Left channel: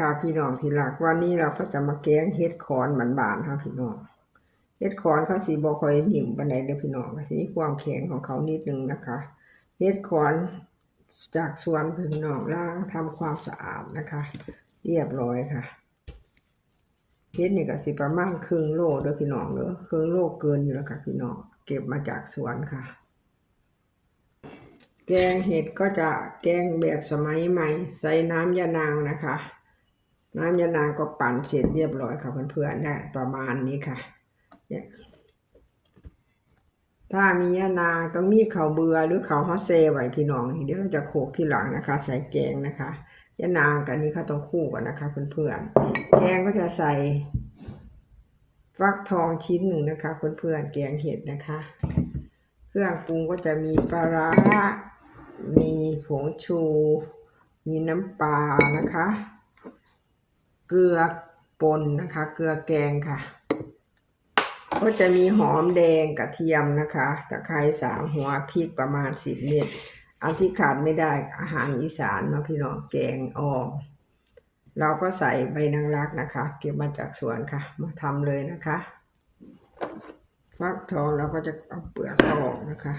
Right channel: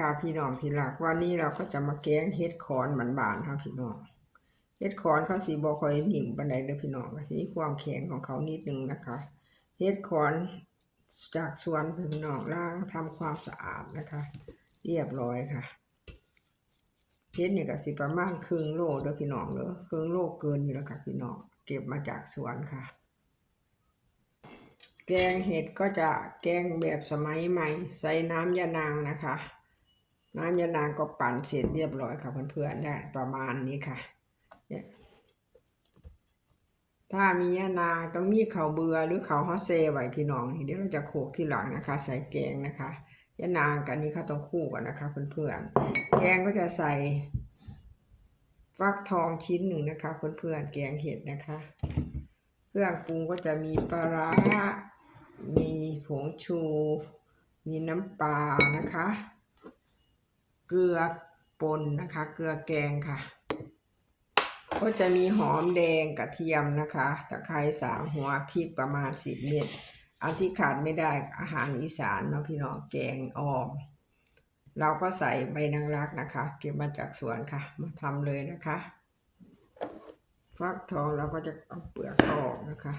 ค่ะพี่น้องที่รักวันนี้เราก็จะมาแกงเฮ็ดคอนมันบานค่ะพี่น้องเฮ็ดคอนเขาสีบ่ค่อยหนิ่มปานใดเด้อพี่น้องสีความแข็งของเขานิดนึงนะคะเฮ็ดคอนจากสวนพี่น้องล้างทำความสะอาดนะคะ เรียบร้อยค่ะเฮ็ดนี่ก็สิประมาณครึ่งโลเด้อพี่น้องเด้อครึ่งโลเกินอยู่แล้วค่ะพี่น้องเก็บมาจากสวนค่ะแกงเห็ดก็จะแกงแบบสมัยใหม่ ใส่น้ำยานางนะคะ น้ำยานางก็ปั่นเสร็จเรียบร้อยค่ะเพื่อนๆได้ประมาณนี้ค่ะเนี่ยถ้ามียานางต้องมีข้าวเบื่อหรือข้าวฮอสเซไว้พี่น้องเดี๋ยวเราจะโขกที่หลังนะคะ ใส่แกงนะคะยานางกับนี้เขาต้องคู่กันนะคะเพื่อนๆแกงก็จะใส่ฟักทองชิ้นหนึ่งนะคะเพื่อนๆแกงเห็ดนะคะ เครื่องปรุงก็จะมีปลาร้ามีผงชู มีน้ำปลานะคะ เกลือป่นนะคะ เกลือแกงค่ะ ก็จะมีหอมแดงกระเทียมนะคะตะไคร้สามหัวพริกประมาณสิบเม็ดอันที่ขาดไม่ได้อาหารอีสานเนาะพี่น้องแกงอ่อมเราก็ใส่ใบนางรักนะคะ เก็บมาจากสวนค่ะ มาทำเลยนะคะ ฟักทองเราก็จะเอาเปลือกออกนะคะ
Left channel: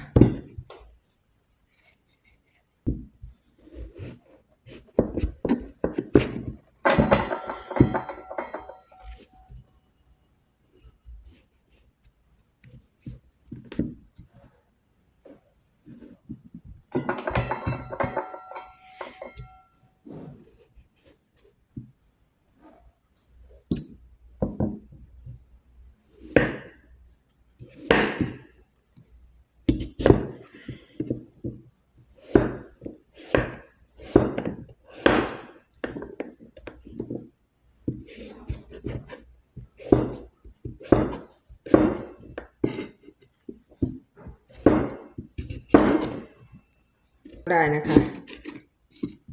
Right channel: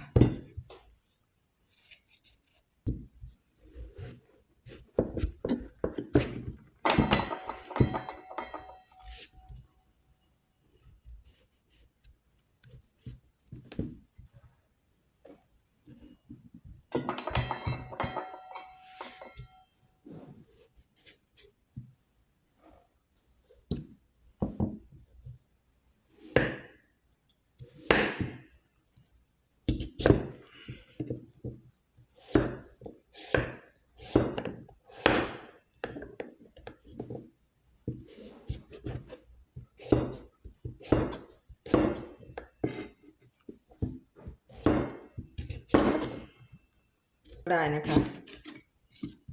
ได้นะคะ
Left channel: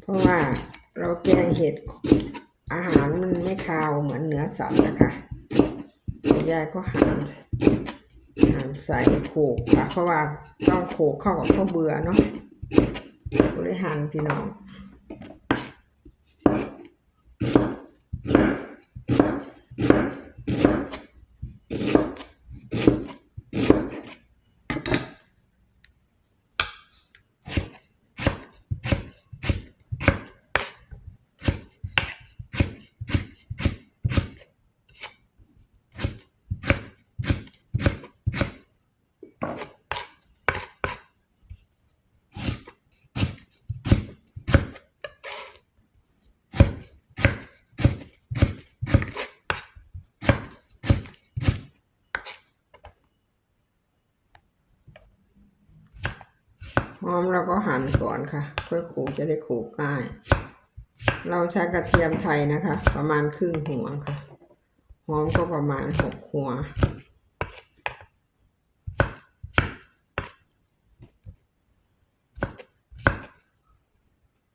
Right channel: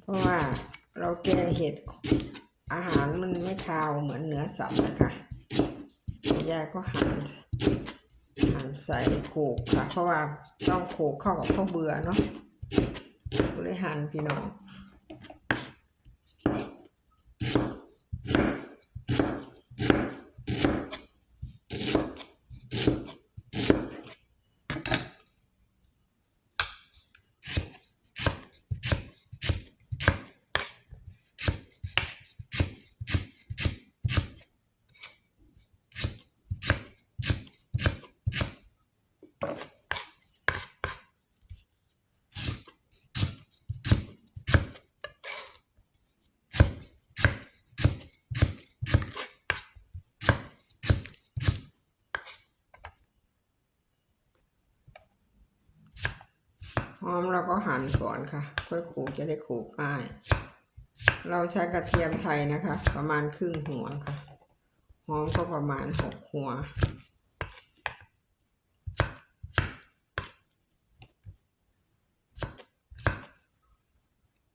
เพราะว่าเราแกงเห็ดอาหารมันไม่คาวเหมือนเนื้อสัตว์นะคะยายก็หั่นหั่นใส่โขกค่ะเพราะว่าต้องโขกเข้ากับข้าวเบื่อเนาะก็เลยหั่นพี่น้อง หอมเราก็หั่นก่อนค่ะ เพื่อขลกจะได้ขลกง่าย เราใช้กระเทียมไทยนะคะ ประมาณครึ่งหัวค่ะ หอมก็ประมาณหกหัว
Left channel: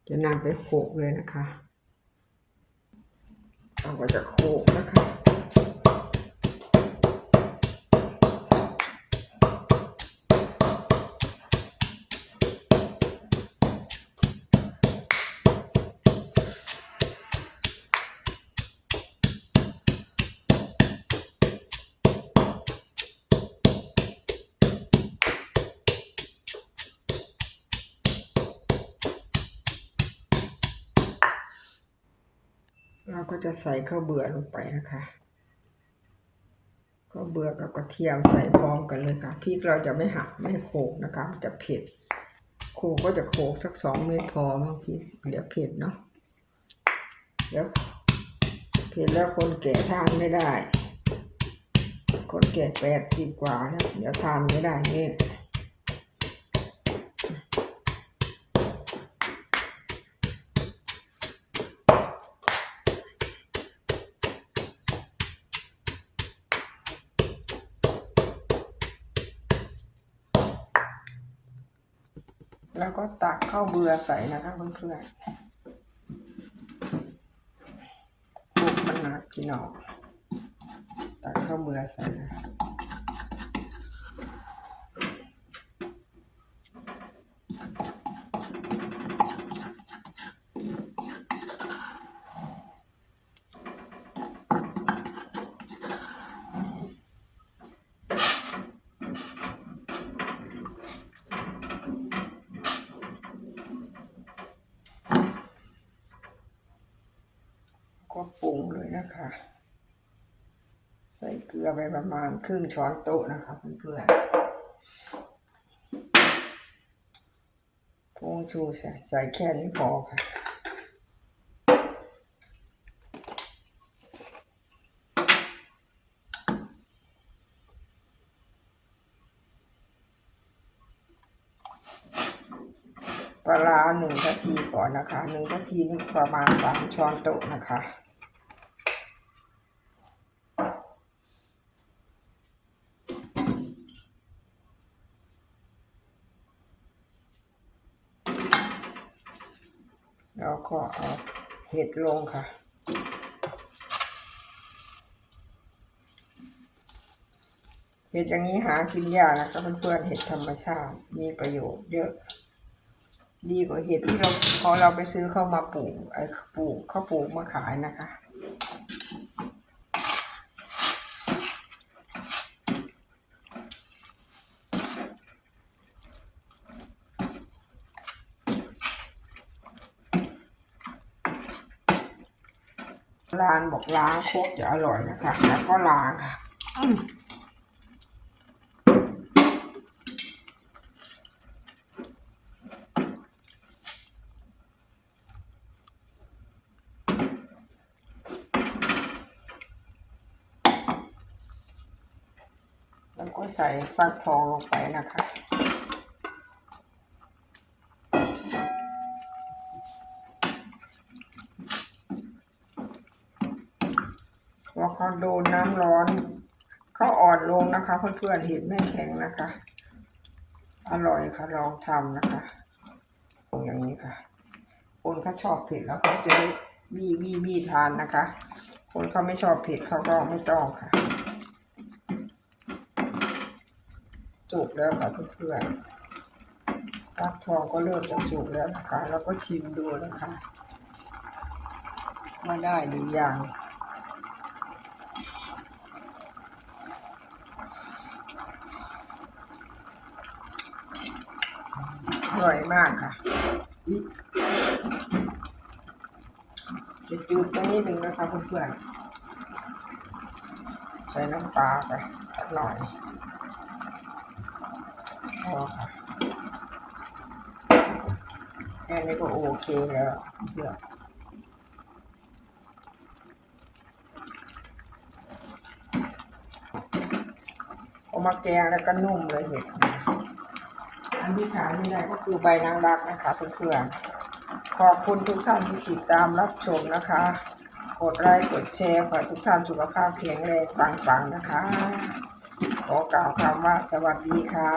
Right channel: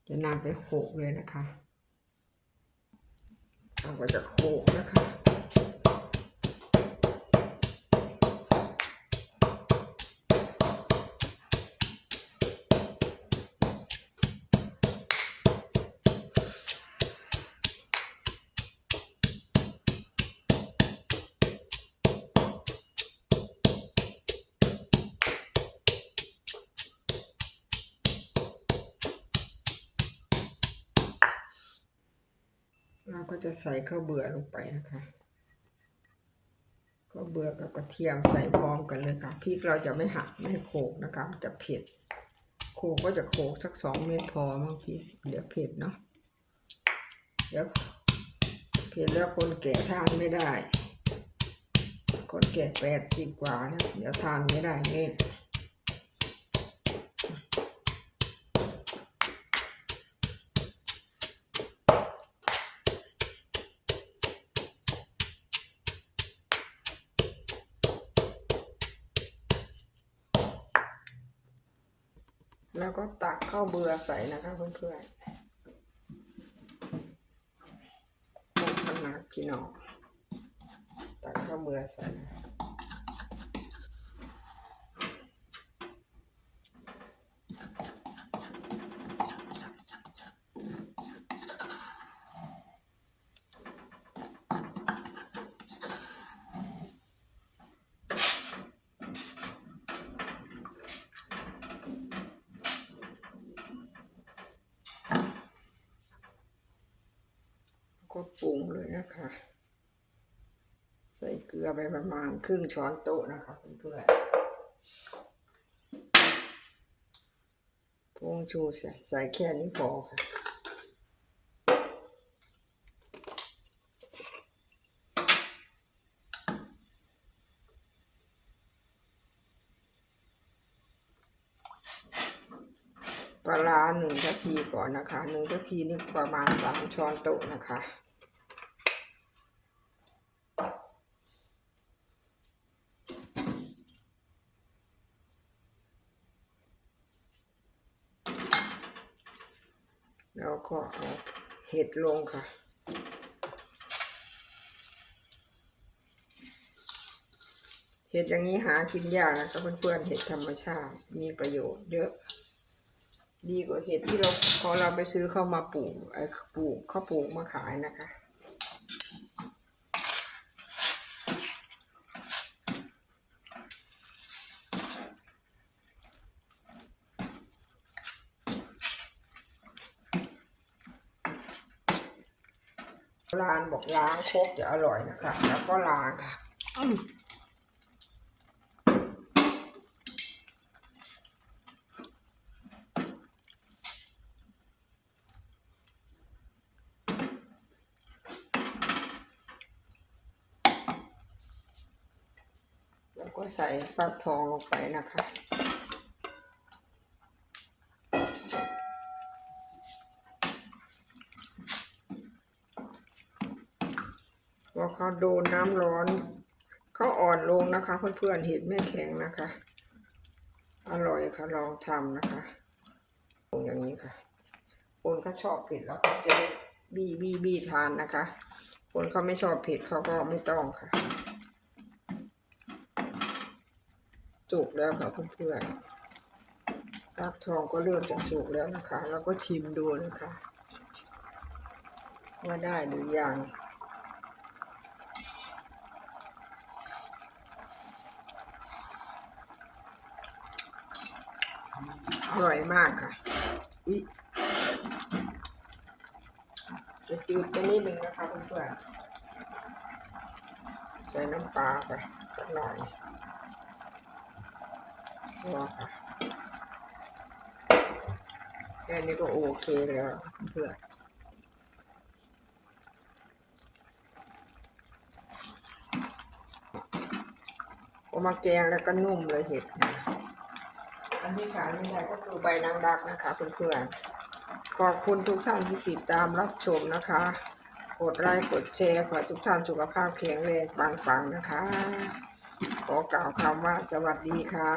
จะนำไปโขกเลยนะคะ เราก็จะโขกนะคะ ก็จะใส่ข้าวเบื่อลงไปนะคะข้าวเบื่อกับกระเทียมใส่พร้อมกันเลยค่ะพริกเราจะไม่หักไม่โขกนะคะมันจะเผ็ดโขกก็จะโขกสักสองเม็ดพอบางทีเดี๋ยวเผ็ดเนาะเดี๋ยวเผ็ดแล้วคนแก่ทานไม่ได้ คนแก่แปดสิบกว่าแล้วเดี๋ยวทานไม่ได้เนี่ แล้วก็ตักข้าวเบื่อใส่นะคะเพื่อนๆบุกมันหนักพี่น้องตักข้าวเบื่อใส่นะคะ ก็ปรุงเลยนะคะ ใส่เกลือไปประมาณครึ่งช้อนโต๊ะนะคะเพื่อนๆผงชูใส่ใส่แค่นี้พอค่ะปลาร้าหนึ่งนาทีก่อนนะคะหนึ่งนาทีนี่ประมาณสามช้อนโต๊ะนะคะ แล้วก็เอาเห็ดลงค่ะ เห็ดอย่างนี้หากินยากนะคะเพื่อนๆเห็ดธรรมชาติมีประโยชน์เยอะ ดีกว่าเห็ดที่เราพอเราไปซื้อเข้ามาปลูกไอ้ปลูกเขาปลูกมาขายนะคะ ล้างบอกล้างโคกจะอร่อยนะคะ แล้วก็ล้างค่ะแล้วก็ใส่ฟักทองลงไปนะคะ พอเขาโดนน้ำร้อนเขาอ่อ นลงนะคะเพื่อนๆเห็นไม่แข็งนะคะ อร่อยค่ะลองทำนะคะตรงอย่างนี้ค่ะ คนเขาชอบเผ็ดแล้วเขาจะบีบีบีทานนะคะ คนเขาไม่ชอบเผ็ดเขาก็ไม่ต้องค่ะ จุกแล้วค่ะเพื่อนๆฟักทองก็เริ่มจะสุกแล้วนะคะ แล้วก็ชิมดูนะคะ ว่าได้หรือยัง อ ร่อยมากค่ะจะจืดไปนิดนึงนะคะเพื่อนๆใส่น้ำปลาไปสักหน่อยพอค่ะแค่นี้ก็โอเคแล้วเพื่อนเอมาแกงแล้วก็นุ่มเลยเห็ด อันที่ขายไม่ได้ก็คือใบนางรักนะคะเพื่อนๆขอบคุณทุกท่านที่ติดตามรับชมนะคะ กดไลค์กดแชร์ขอทุกท่านสุขภาพแข็งแรงปังๆนะคะ ขอกล่าวคำว่าสวัสดีค่ะ